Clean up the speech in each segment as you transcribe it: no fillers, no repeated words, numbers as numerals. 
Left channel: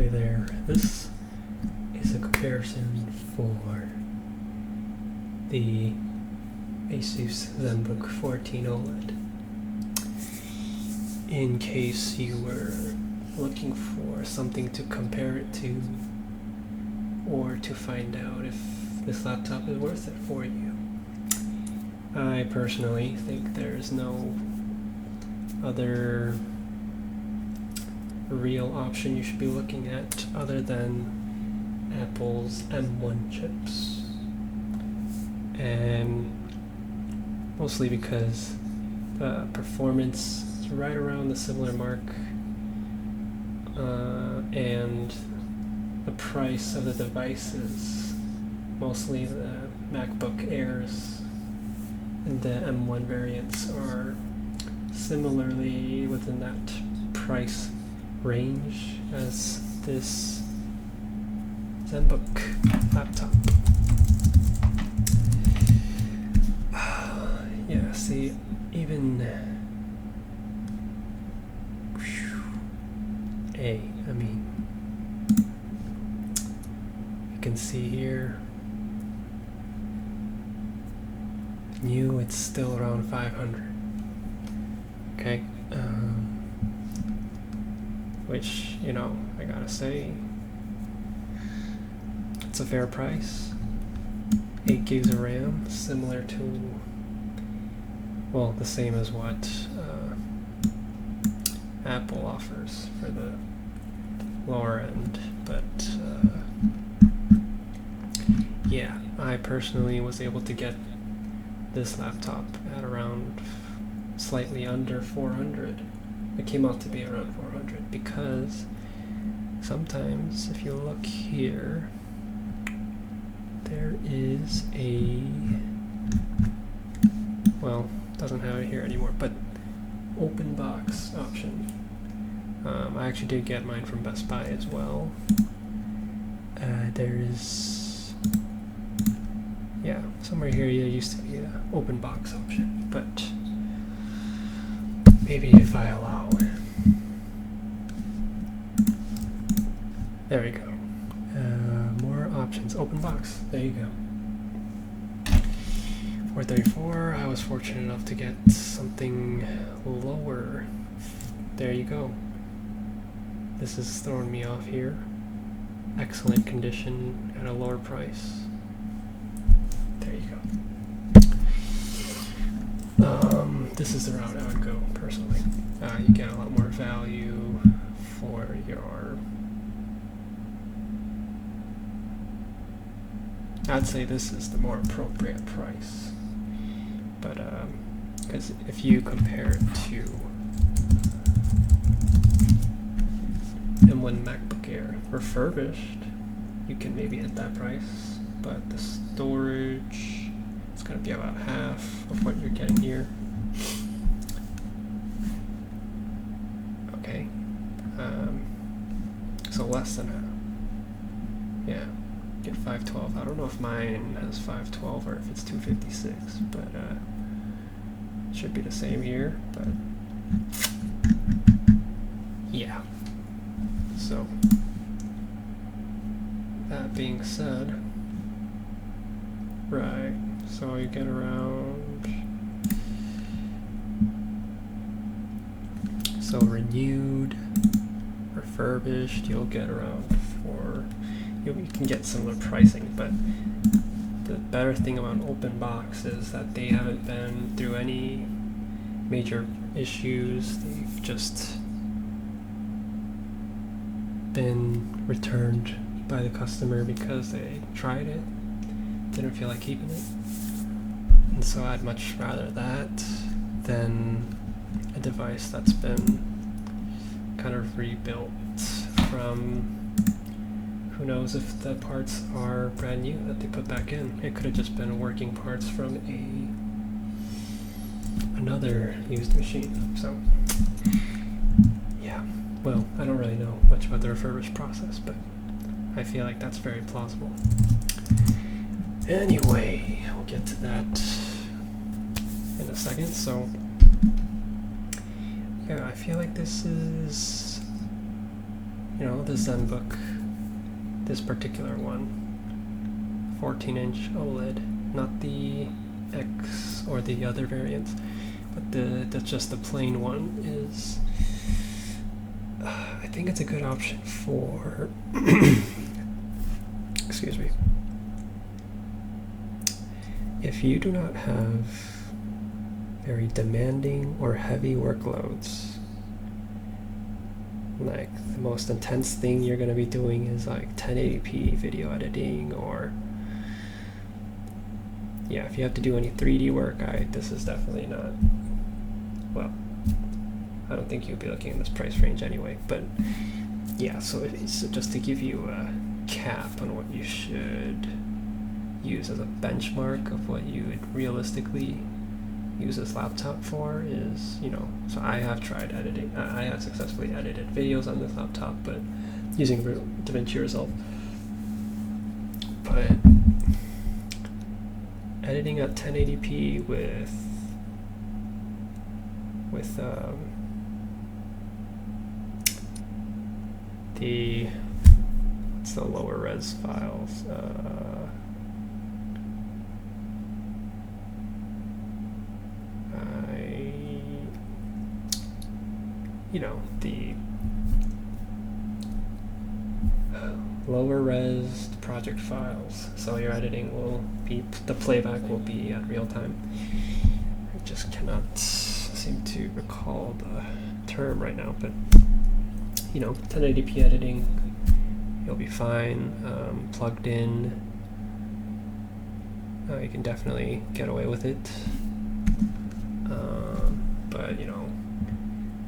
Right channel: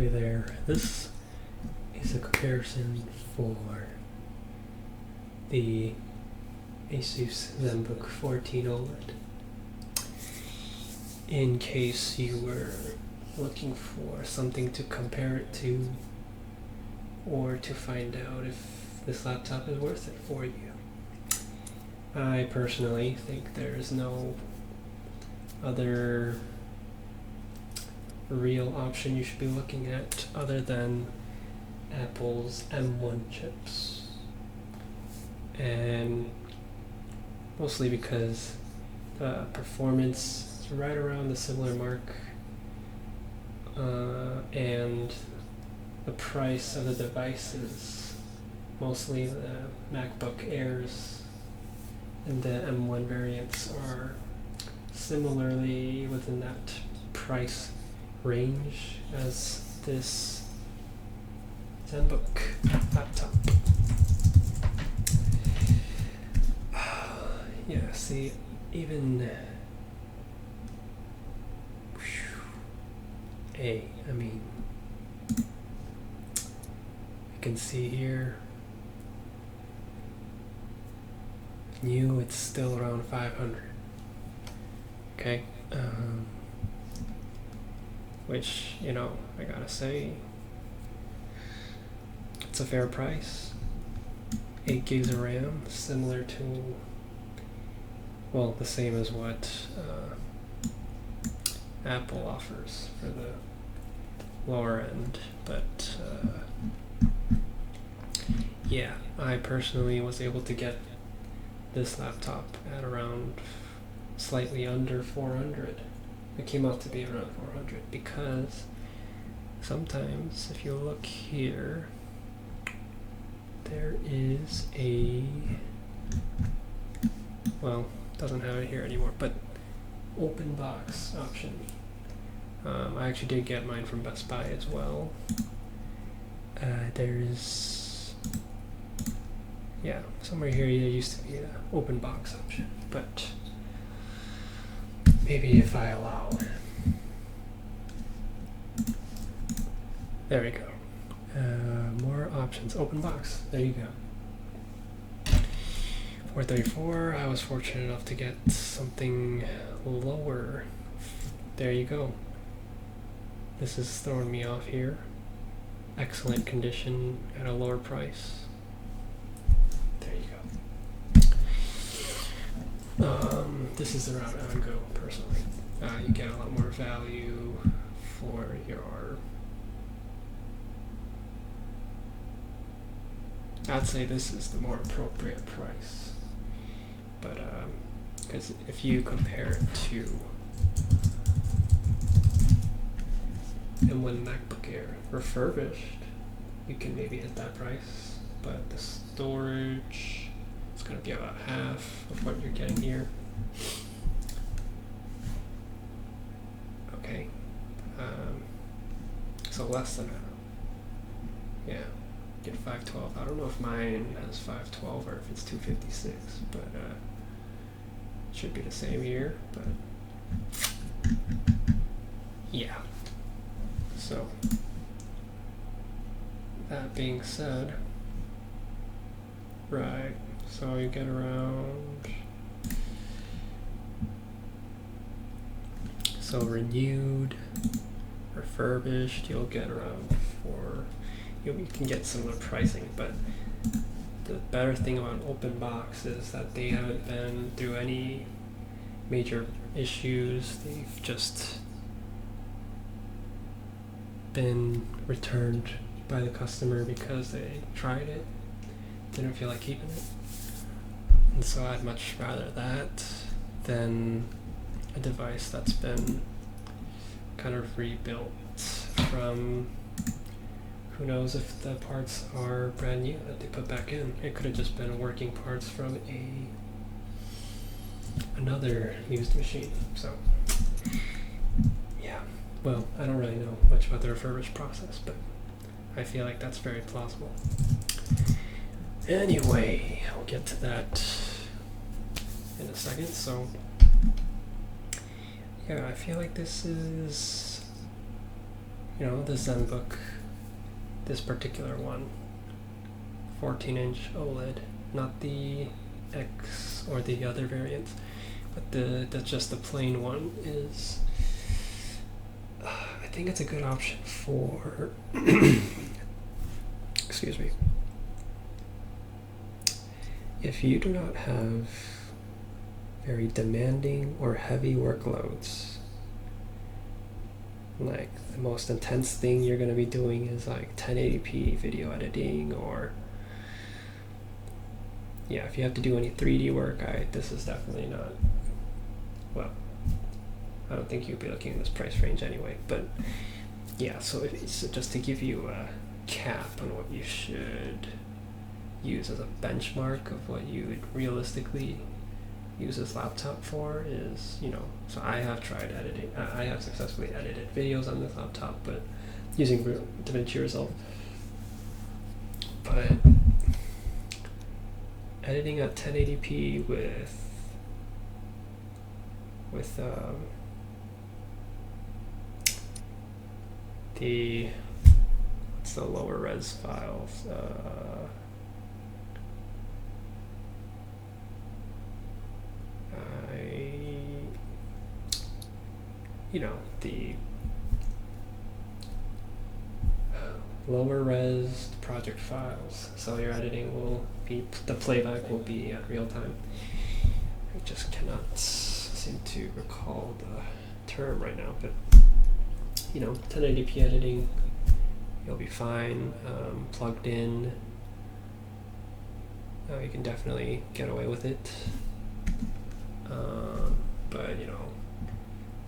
Hey there, this is a comparison for the Asus Zenbook 14 OLED. In case you were looking for something to compare it to, or to find out if this laptop is worth it for you. I personally think there's no other real option you should be looking at other than Apple's M1 chips, and mostly because the performance is right around the similar mark, and the price of the devices, mostly the MacBook Airs and the M1 variants, are similarly within that price range as this Zenbook laptop. Yeah, see, even I mean, you can see here, new, it's still around 500. Okay. Which, you know, I gotta say, it's a fair price. 8 gigs of RAM, similar to, well, the same as what Apple offers for the lower end. But yeah, I personally was able to get this laptop at around slightly under 400. It came out to be around 400 because sometimes if you look here, there is a, well, doesn't have it here anymore, but open box option. I actually did get mine from Best Buy as well. There's, yeah, somewhere here there used to be an open box option, but maybe if I allow. There we go. More options. Open box. There you go. 434. I was fortunate enough to get something lower. There you go. This is throwing me off here. Excellent condition at a lower price. There you go. This is the route I would go personally. You get a lot more value for your, I'd say this is the more appropriate price. But because if you compare it to M1 MacBook Air refurbished, you can maybe hit that price, but the storage, it's going to be about half of what you're getting here. Okay, so less than half. Yeah, get 512. I don't know if mine has 512 or if it's 256, but it should be the same here. But yeah. So that being said, right? So you get around. So renewed, refurbished, you'll get around you can get similar pricing, but the better thing about open box is that they haven't been through any major issues. They've just been returned by the customer because they tried it, didn't feel like keeping it. And so I'd much rather that than a device that's been kind of rebuilt from, who knows if the parts are brand new that they put back in. It could have just been working parts from another used machine. So yeah, well, I don't really know much about the refurbished process, but I feel like that's very plausible. Anyway, we'll get to that in a second. So yeah, I feel like this is you know, the Zenbook, this particular one, 14-inch OLED, not the X or the other variants, but that's just the plain one is, I think it's a good option for, excuse me, if you do not have very demanding or heavy workloads. Like the most intense thing you're going to be doing is like 1080p video editing, or yeah, if you have to do any 3D work, this is definitely not, well, I don't think you'll be looking in this price range anyway, but yeah, so it's just to give you a cap on what you should use as a benchmark of what you would realistically use this laptop for is, you know, so I have tried editing, I have successfully edited videos on this laptop, but using DaVinci Resolve. But editing at 1080p with what's the lower res files? You know, the lower res project files, so your editing will be, the playback will be at real time. I just cannot seem to recall the term right now, but you know, 1080p editing, you'll be fine. Plugged in, you can definitely get away with it, but you know,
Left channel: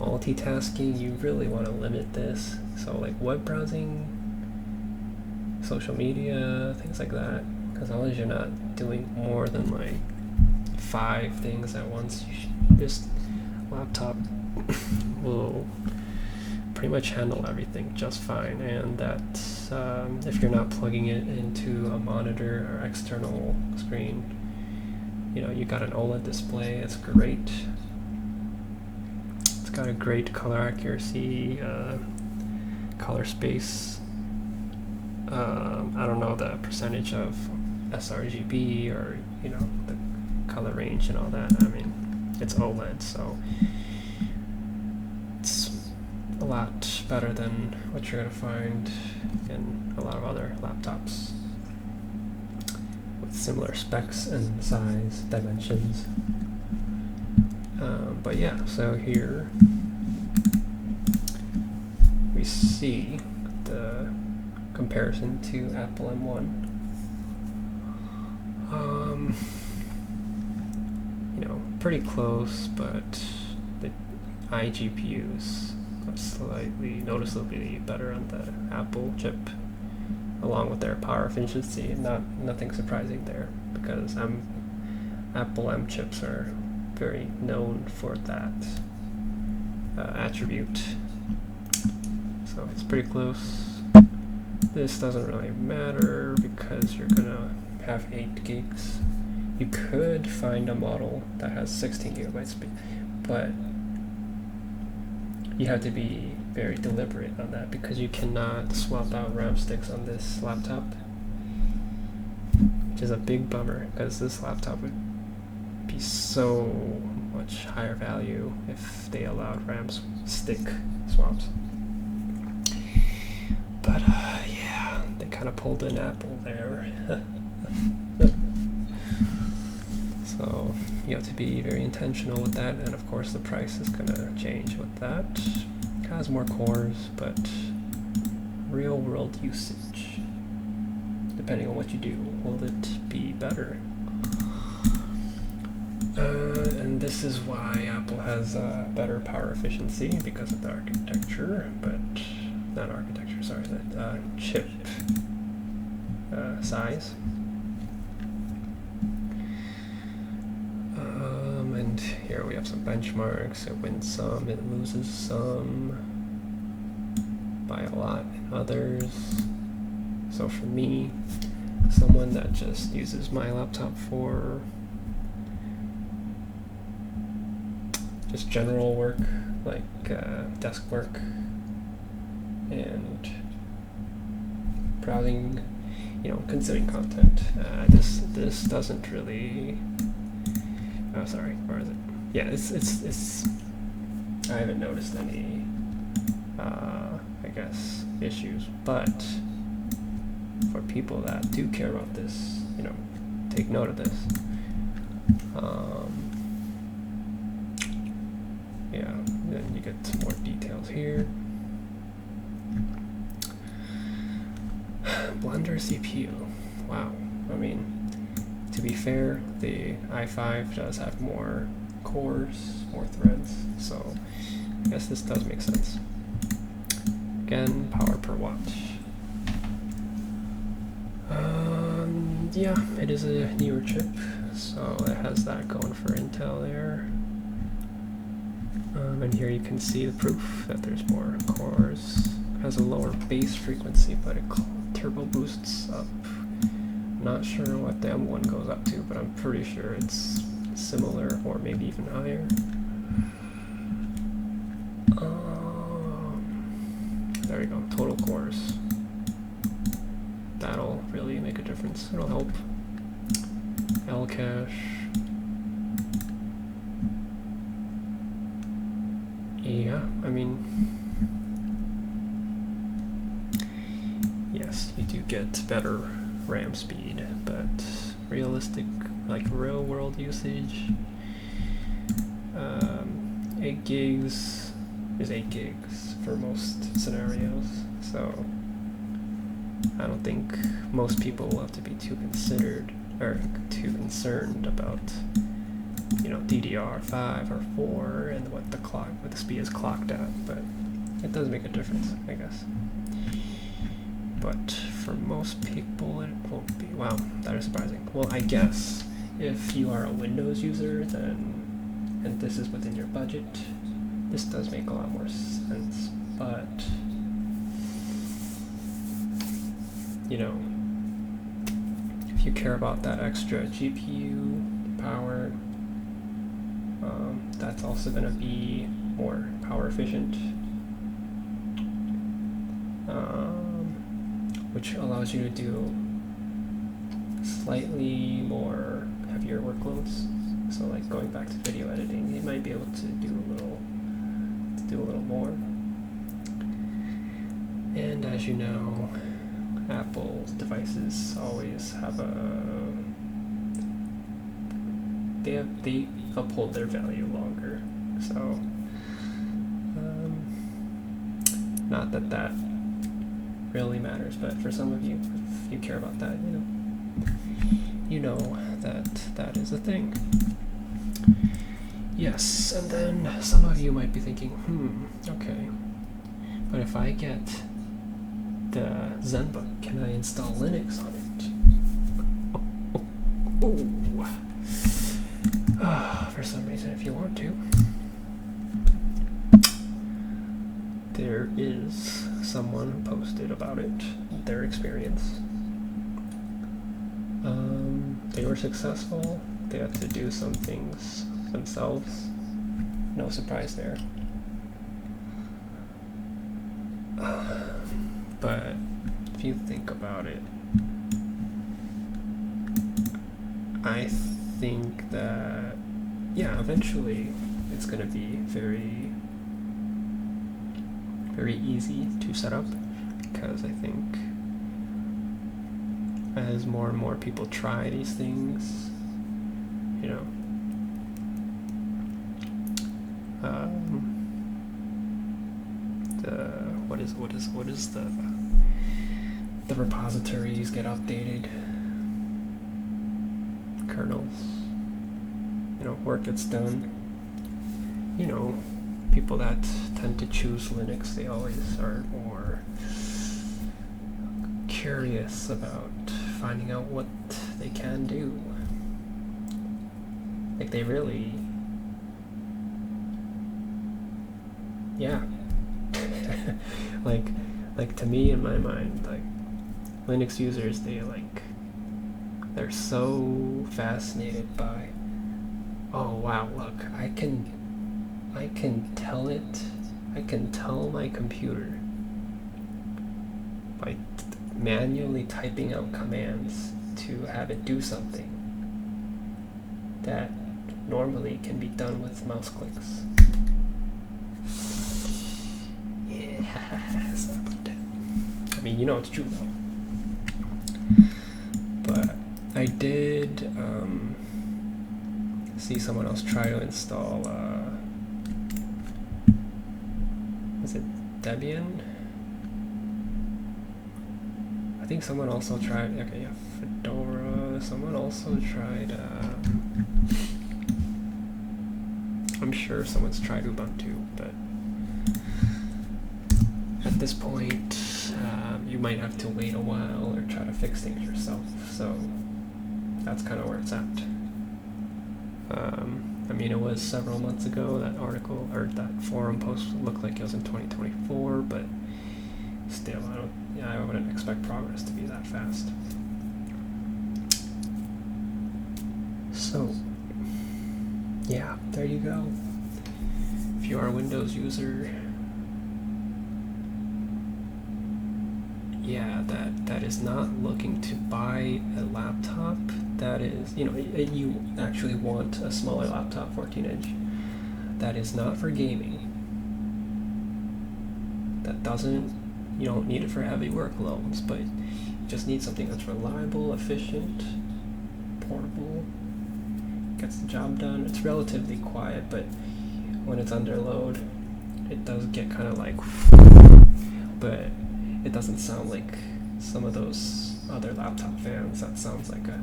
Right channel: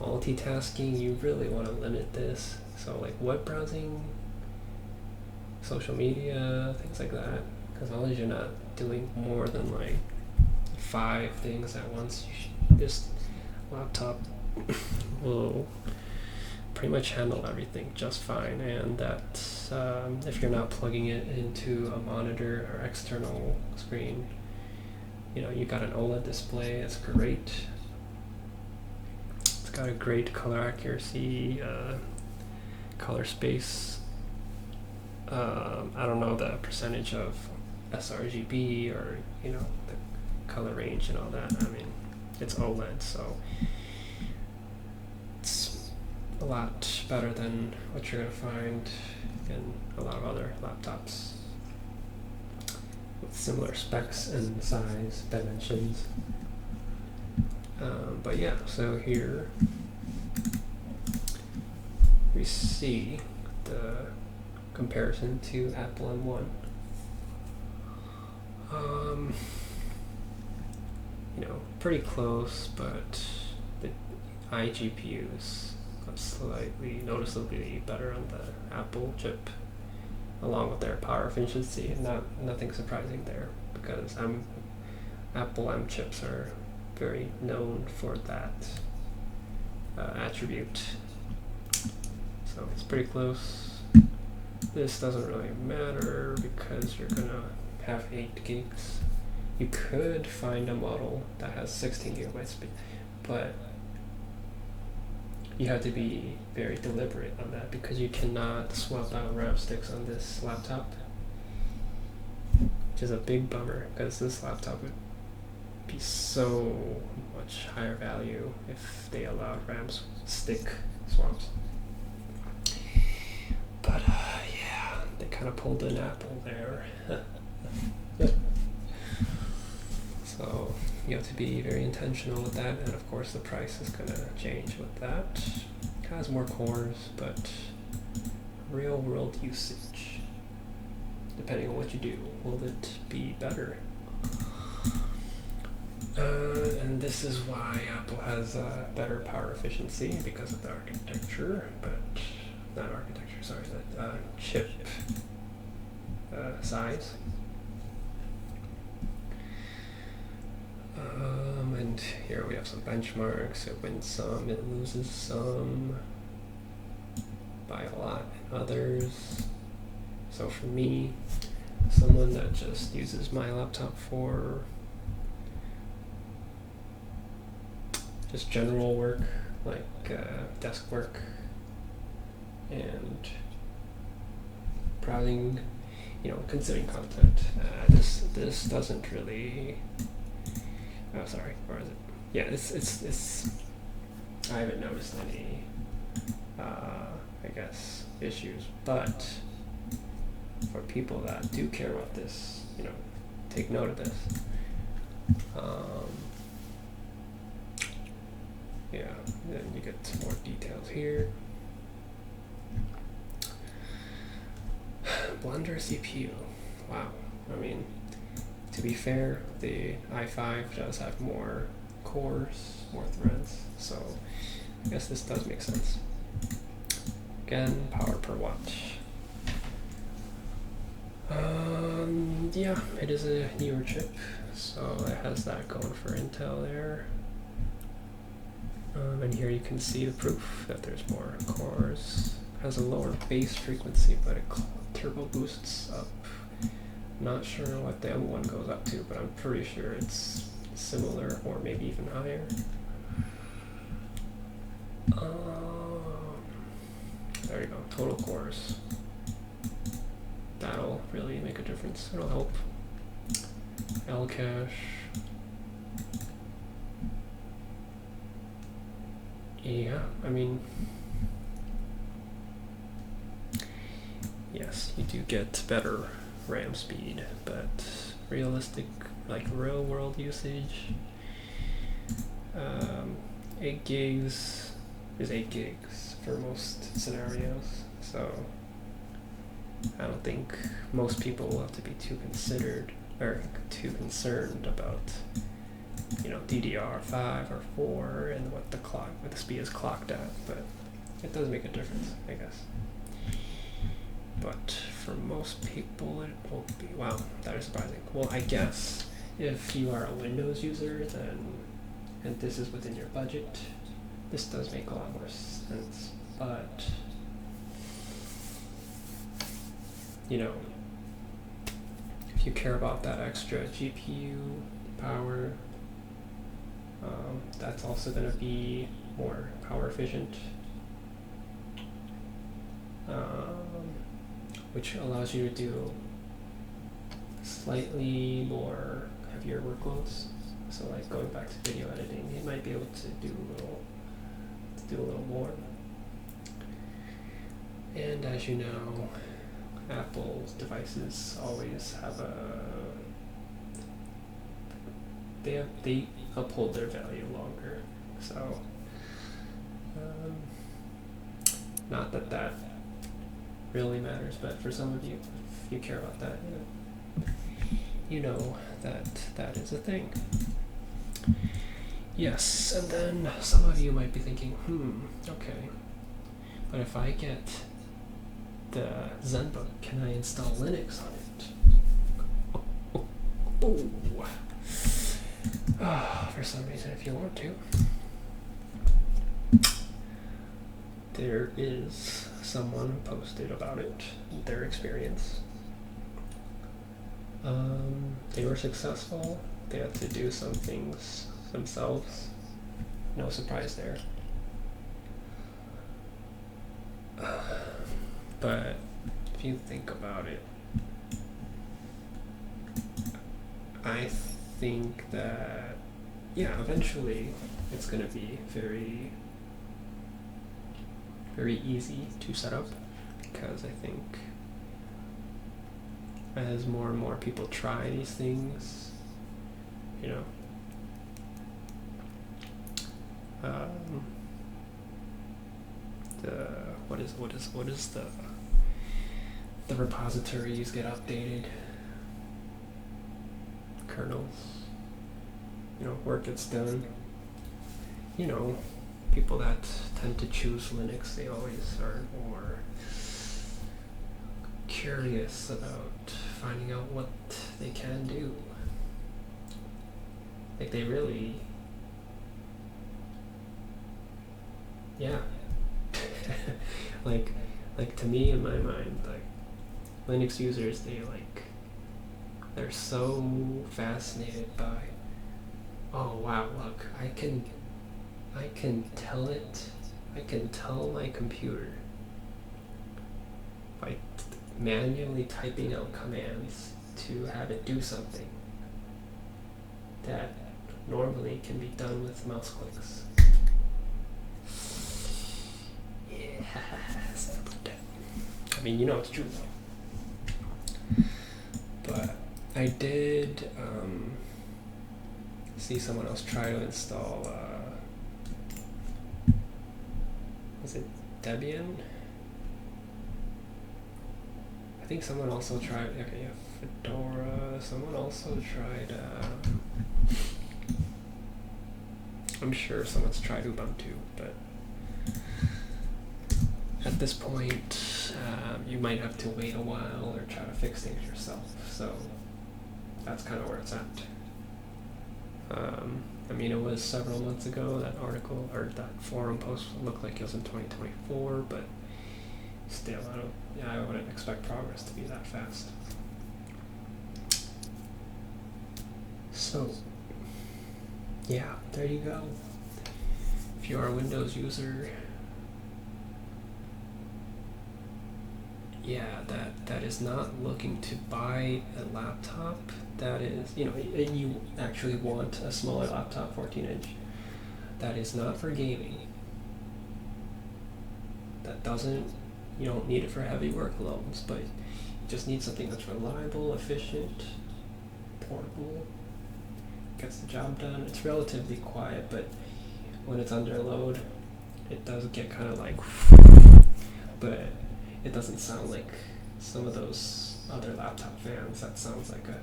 multitasking, you really want to limit this. So like web browsing, social media, things like that, because as long as you're not doing more than like 5 things at once, this laptop will pretty much handle everything just fine. And that if you're not plugging it into a monitor or external screen, you know, you got an OLED display, it's great. Got a great color accuracy, color space. I don't know the percentage of sRGB or, you know, the color range and all that. I mean, it's OLED, so it's a lot better than what you're gonna find in a lot of other laptops with similar specs and size, dimensions. But yeah, so here we see the comparison to Apple M1. You know, pretty close, but the iGPUs are slightly noticeably better on the Apple chip, along with their power efficiency. Nothing surprising there, because Apple M chips are very known for that attribute. So it's pretty close. This doesn't really matter because you're gonna have 8 gigs. You could find a model that has 16 gigabytes speed, but you have to be very deliberate on that because you cannot swap out RAM sticks on this laptop, which is a big bummer because this laptop would be so much higher value if they allowed RAM stick swaps. But yeah, they kind of pulled an Apple there. So you have to be very intentional with that, and of course the price is gonna change with that. It has more cores, but real world usage, depending on what you do, will it be better? And this is why Apple has better power efficiency, because of the architecture, but not architecture, sorry, the chip size. And here we have some benchmarks. It wins some, it loses some by a lot in others. So for me, someone that just uses my laptop for just general work, like desk work and browsing, consuming content. This doesn't really. Oh, sorry. Where is it? Yeah, it's. I haven't noticed any, I guess, issues. But for people that do care about this, take note of this. Yeah, then you get some more details here. Blender CPU. Wow. I mean, to be fair, the i5 does have more cores, more threads, so I guess this does make sense. Again, power per watt. Yeah, it is a newer chip, so it has that going for Intel there. And here you can see the proof that there's more cores. It has a lower base frequency, but it turbo boosts up. Not sure what the M1 goes up to, but I'm pretty sure it's similar or maybe even higher. There you go, total cores. That'll really make a difference. It'll help. L cache. Yeah, I mean, yes, you do get better RAM speed, but realistic, like real world usage, 8 gigs is 8 gigs for most scenarios, so I don't think most people will have to be too concerned about DDR5 or 4 and what the speed is clocked at, but it does make a difference, I guess. But for most people it won't be. Wow, that is surprising. Well, I guess if you are a Windows user and this is within your budget, this does make a lot more sense, but if you care about that extra GPU power, that's also going to be more power efficient, which allows you to do slightly more heavier workloads. So like going back to video editing, you might be able to do a little more. And as you know, Apple's devices always have they uphold their value longer. So not that really matters, but for some of you, if you care about that, you know that is a thing. Yes, and then some of you might be thinking, okay, but if I get the Zenbook, can I install Linux on it? For some reason, if you want to. There is someone who posted about it, their experience. They were successful. They had to do some things themselves. No surprise there. But if you think about it, I think that, yeah, eventually it's going to be very, very easy to set up, because I think as more and more people try these things, what is the repositories get updated, kernels, work gets done. People that tend to choose Linux, they always are more curious about finding out what they can do. Like they really, yeah. like to me, in my mind, like Linux users, they're so fascinated by, oh wow, look, I can tell my computer by manually typing out commands to have it do something that normally can be done with mouse clicks. Yeah, sorry about that. I mean, you know it's true though. But I did see someone else try to install, was it Debian? I think someone also tried, okay, yeah, Fedora. Someone also tried, I'm sure someone's tried Ubuntu, but at this point, you might have to wait a while or try to fix things yourself. So that's kind of where it's at. I mean, it was several months ago, that article or that forum post looked like it was in 2024, but still, I wouldn't expect progress to be that fast. So, yeah, there you go. If you are a Windows user, yeah, that is not looking to buy a laptop, that is, you know, you actually want a smaller laptop, 14-inch, that is not for gaming, that doesn't, you don't need it for heavy workloads, but you just need something that's reliable, efficient, portable, gets the job done. It's relatively quiet, but when it's under load, it does get kind of like, but it doesn't sound like some of those other laptop fans. That sounds like a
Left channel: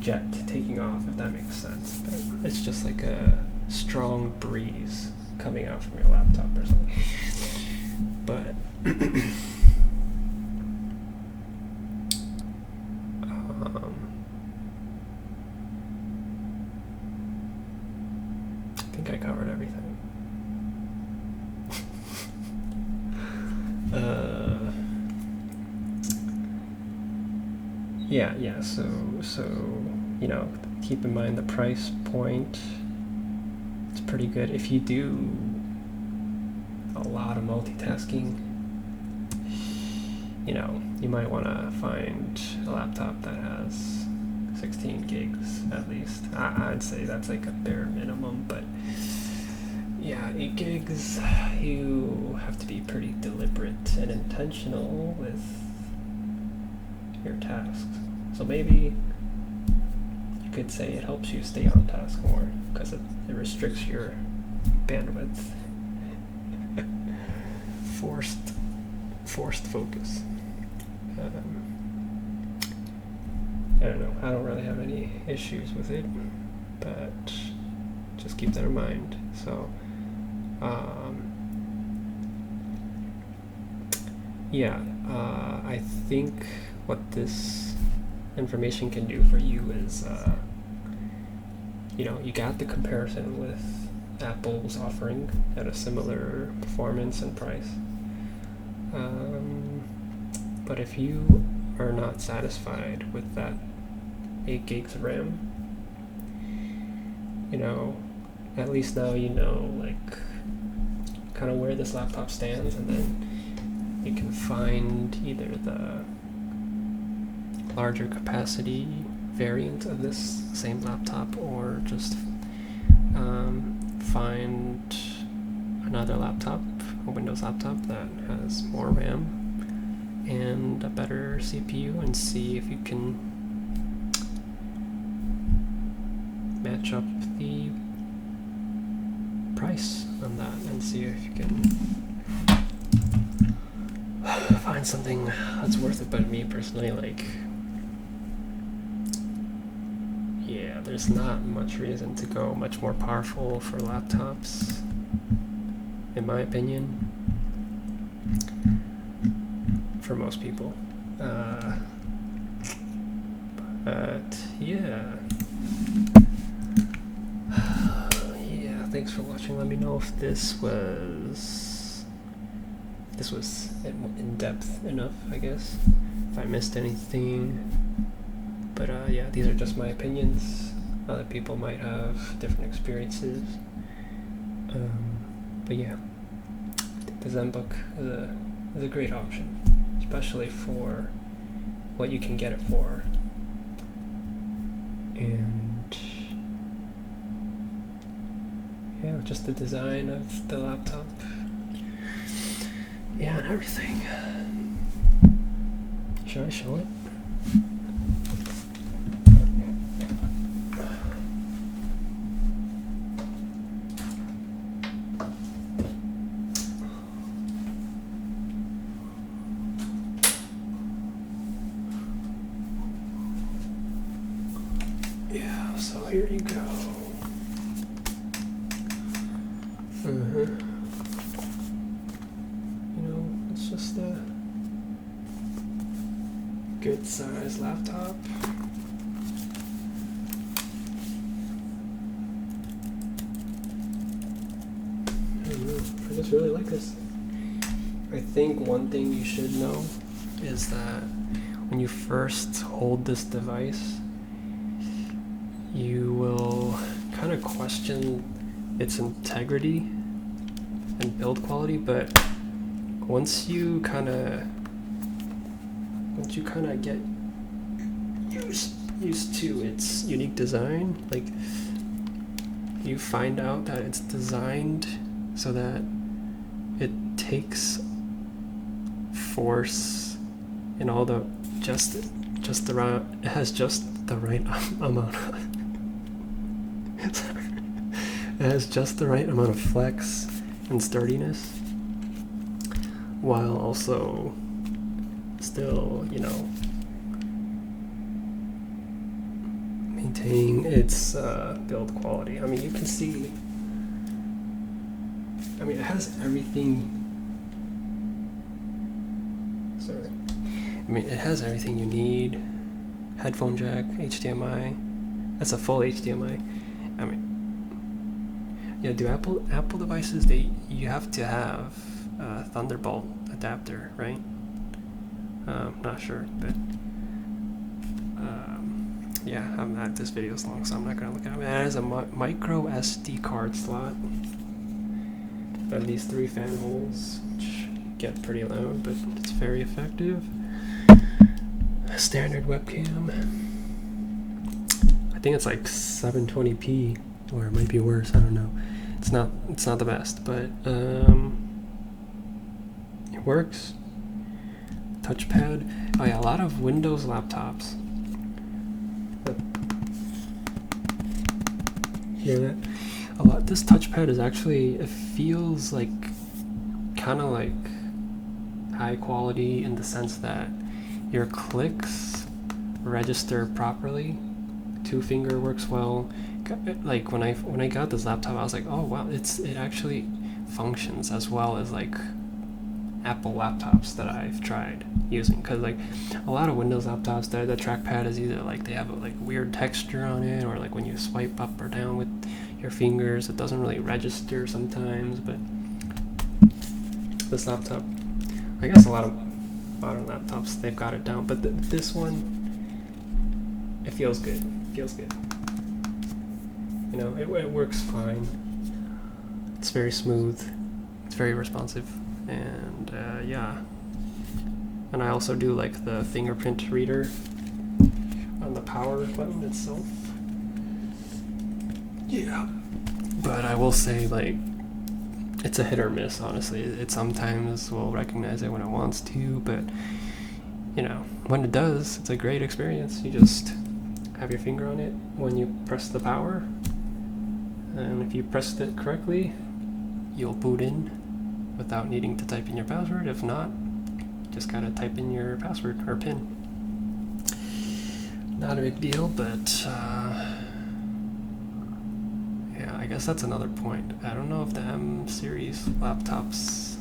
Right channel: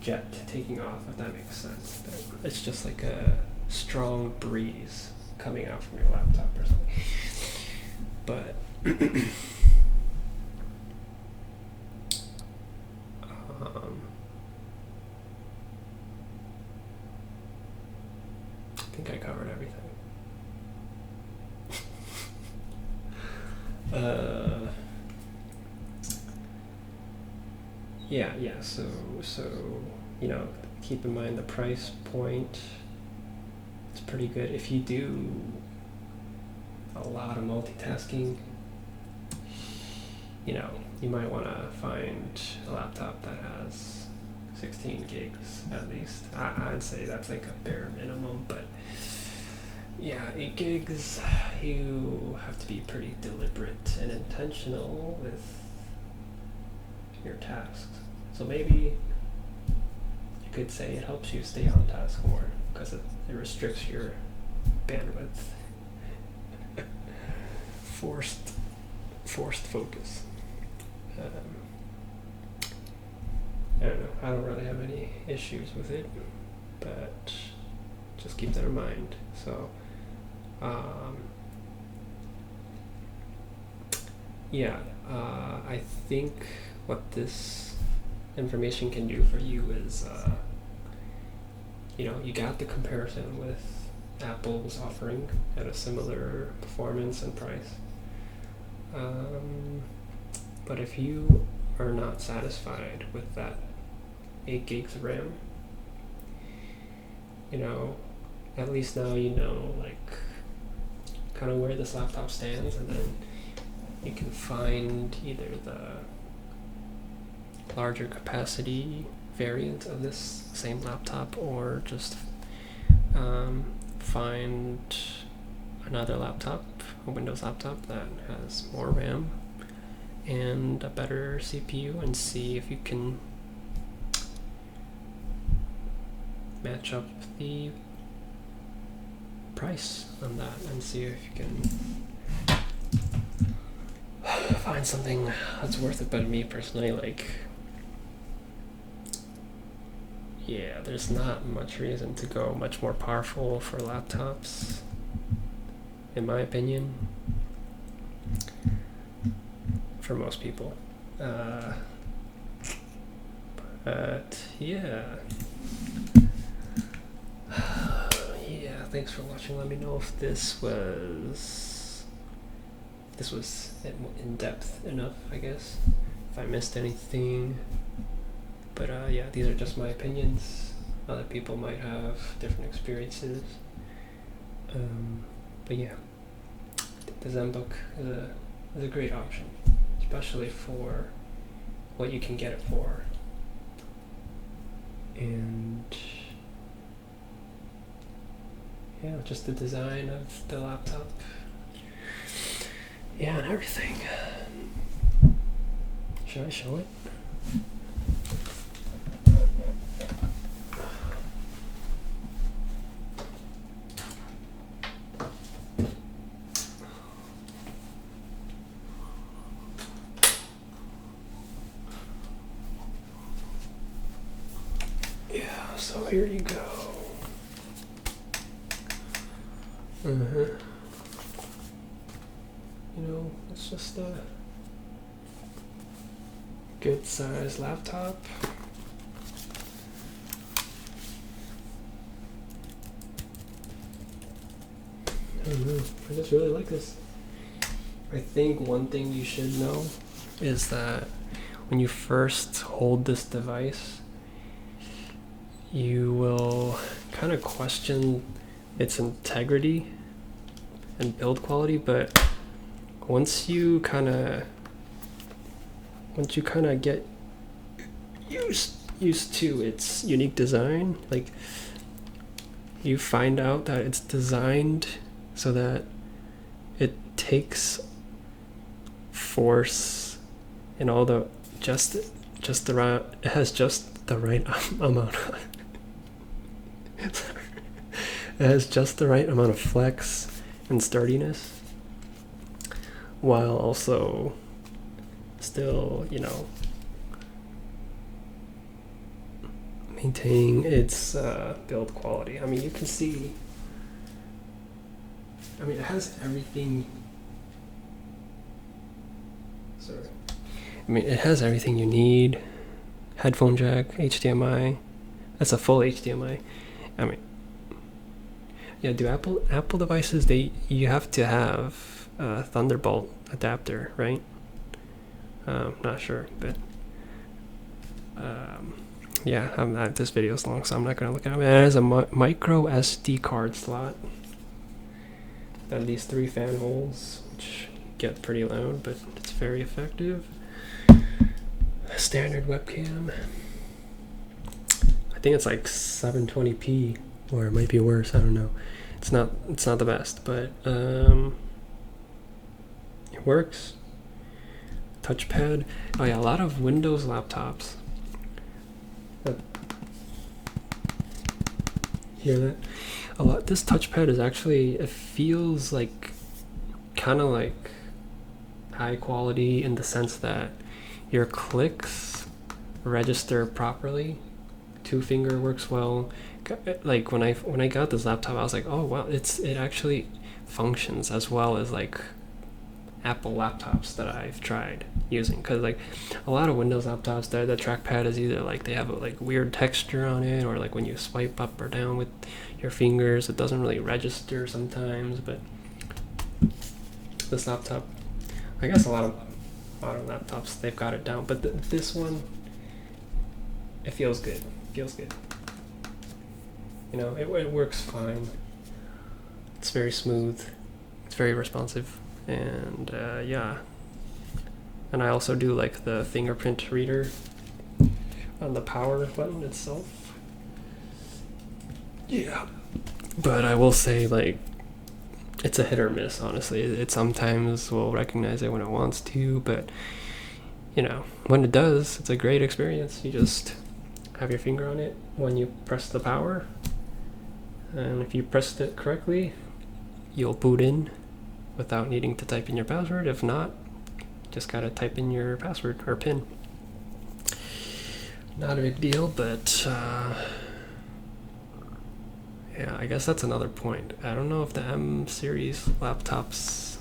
jet taking off, if that makes sense. But it's just like a strong breeze coming out from your laptop or something. But I think I covered everything. Yeah, so you know, keep in mind the price point. It's pretty good if you do a lot of multitasking. You know, you might want to find a laptop that has 16 gigs at least. I'd say that's like a bare minimum, but yeah, 8 gigs, you have to be pretty deliberate and intentional with your tasks. So maybe you could say it helps you stay on task more because it restricts your bandwidth. Forced focus. I don't know. I don't really have any issues with it, but just keep that in mind. So, yeah, I think what this information can do for you is, you know, you got the comparison with Apple's offering at a similar performance and price. But if you are not satisfied with that 8 gigs of RAM, you know, at least now you know, like, kind of where this laptop stands, and then you can find either the larger capacity variant of this same laptop, or just find another laptop, a Windows laptop that has more RAM and a better CPU, and see if you can match up the price on that, and see if you can find something that's worth it. But me personally, like, yeah, there's not much reason to go much more powerful for laptops, in my opinion, for most people. But yeah. Yeah, thanks for watching. Let me know if this was in depth enough, I guess, if I missed anything. But yeah, these are just my opinions. Other people might have different experiences. But yeah, the Zenbook is a great option. especially for what you can get it for. And yeah, just the design of the laptop. Yeah, and everything. Should I show it? Yeah, so here you go. You know, it's just a good size laptop. I don't know, I just really like this. I think one thing you should know is that when you first hold this device, you will kind of question its integrity and build quality, but once you kind of get used to its unique design, like you find out that it's designed so that it takes force and all the just the right, it has just the right amount of it has just the right amount of flex and sturdiness, while also still, you know, maintaining its build quality. I mean, you can see, I mean, it has everything. Sorry. I mean, it has everything you need. Headphone jack, HDMI. That's a full HDMI. I mean, yeah, do Apple devices, you have to have a Thunderbolt adapter, right? Not sure, but yeah, this video is long, so I'm not gonna look at it. It has a micro SD card slot. And these 3 fan holes, which get pretty loud, but it's very effective. Standard webcam. I think it's like 720p, or it might be worse. I don't know. It's not the best, but it works. Touchpad. Oh yeah, a lot of Windows laptops. Hear that? A lot. This touchpad is actually, it feels like kind of like high quality in the sense that your clicks register properly. 2-finger works well. Like when I got this laptop, I was like, oh wow, it actually functions as well as like Apple laptops that I've tried using. Because like a lot of Windows laptops, the trackpad is either like they have a like weird texture on it, or like when you swipe up or down with your fingers, it doesn't really register sometimes. But this laptop, I guess a lot of modern laptops, they've got it down, but this one, it feels good. You know, it works fine. It's very smooth. It's very responsive, and yeah. And I also do like the fingerprint reader on the power button itself. Yeah. But I will say, like, it's a hit or miss, honestly. It sometimes will recognize it when it wants to, but, you know, when it does, it's a great experience. You just have your finger on it when you press the power, and if you pressed it correctly, you'll boot in without needing to type in your password. If not, just gotta type in your password or PIN. Not a big deal, but yeah, I guess that's another point. I don't know if the M series laptops,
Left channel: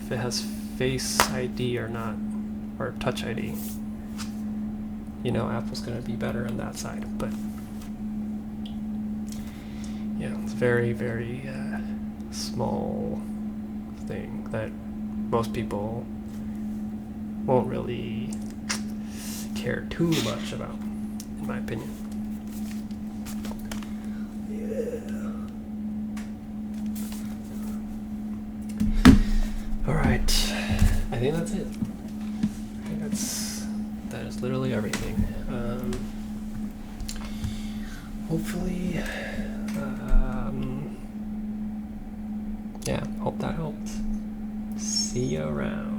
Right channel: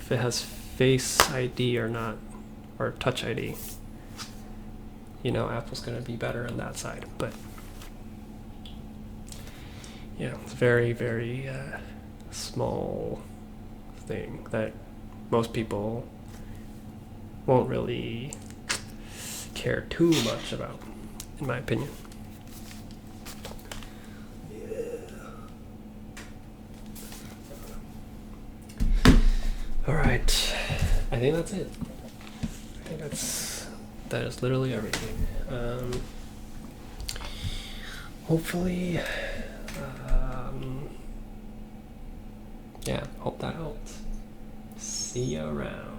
if it has Face ID or not, or Touch ID. You know, Apple's gonna be better on that side, but yeah, it's very, very small thing that most people won't really care too much about, in my opinion. All right, I think that's it. that is literally everything. Hopefully, yeah, hope that helped. See you around.